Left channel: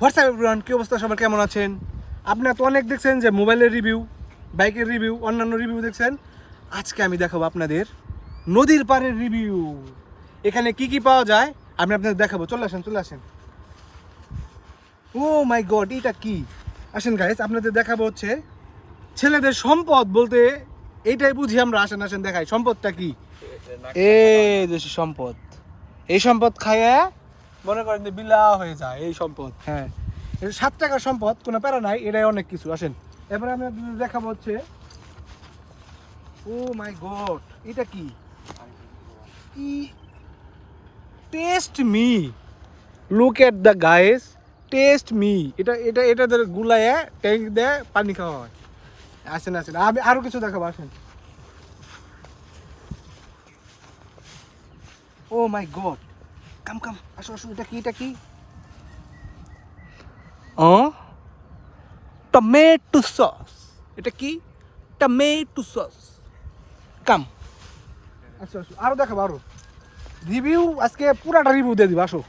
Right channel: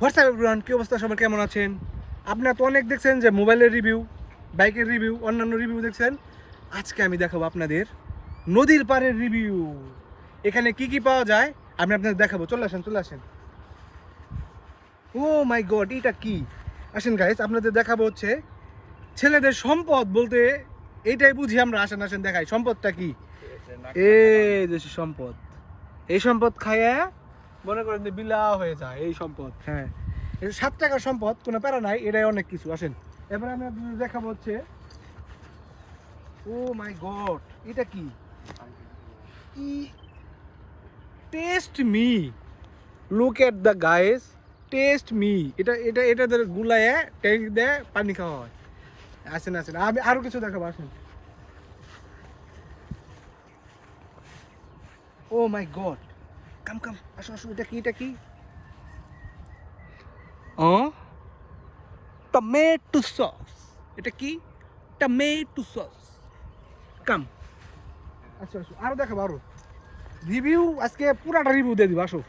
WhatsApp everyone, কি অবস্থা সবার, কেমন আছেন? আপনারা তো অনেক দেখছেন যে মোবাইলের রিভিউ, বাইকের রিভিউ, অন্যান্য রিভিউ দেখছেন। আজকে আমি দেখাবো আপনাদের নদীর পাড়ের রিভিউ। এখানে কি কি পাওয়া যায় আমি আপনাদের দেখাবো। চলে আসেন। ও মাই গড, এটা কি? আসেন গাইস, আপনাদের দেখাবো হচ্ছে ছেলেদের সম্পদ বলতে এইটাই বুঝি আমরা। আসেন দেখাই সম্পদটা কি। এই যে সম্পদ, এই সম্পদ খাইয়ে মনে করেন যে বিলা হয়ে যায় এই সম্পদ। হ্যাঁ, এটা 7 টাকার সম্পদ, কোনো প্যারা নাই, এটাই অনেক কিছু। আসেন এবারে আমি আপনাদের দেখাবো হচ্ছে, ও মাই গড, এটা কি? কি? Test me, look at the guys, test me. এটাদের গুলায় ট্যাঙ্ক দেয়, পানি খাওয়া হয়। আসেন আমি আরো কিছু দেখাবো। আসেন, ও মাই গড, কাম আসো, এটা কি? ও টমেটো সস। এটা কি? Tomato sauce. কাম, আসো আরো দেখাবো, আরো রিভিউ। আজকে পুরাটা রিভিউ দিয়ে দিব, আসো।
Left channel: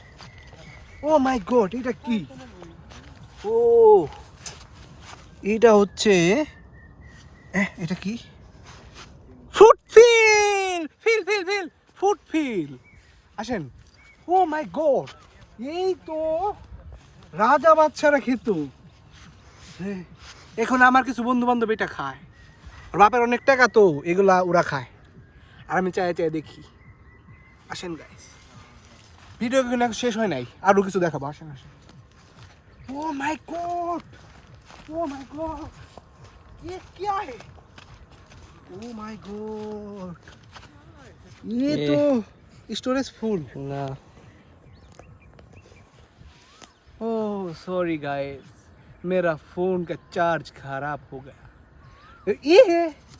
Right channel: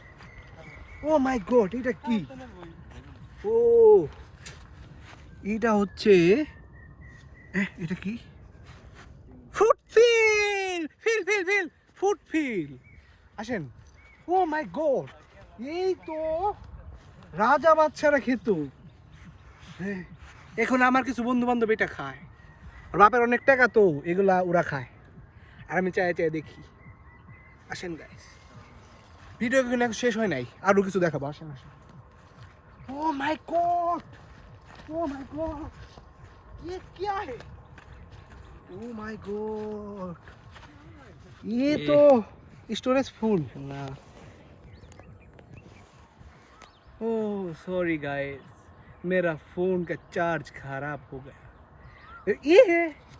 ও মাই গড, এটা কি? ও, এটা হচ্ছে, এটা কি? Food fill food fill. আসেন, ও মাই গড, এই তো রাজা বাচ্চারা খেত। হ্যাঁ, এখন আমার কিছু বন্ধু বান্ধব এটা খায়, আর বাপের অনেক টাকা তো এগুলা ওরা খায়, আর আমি চাই দেখি। আসেন গাইস, ভিডিও কিন্তু এখন শেষ হয় নাই, আরো কিছু দেখাবো। আসেন। ও মাই গড, ये क्या है? ओ माय गॉड, ये तो स्टोरेज फुल ना। ओह सॉरी गाइस, मेरा फोन का चार्ज खराब हो गया। ये है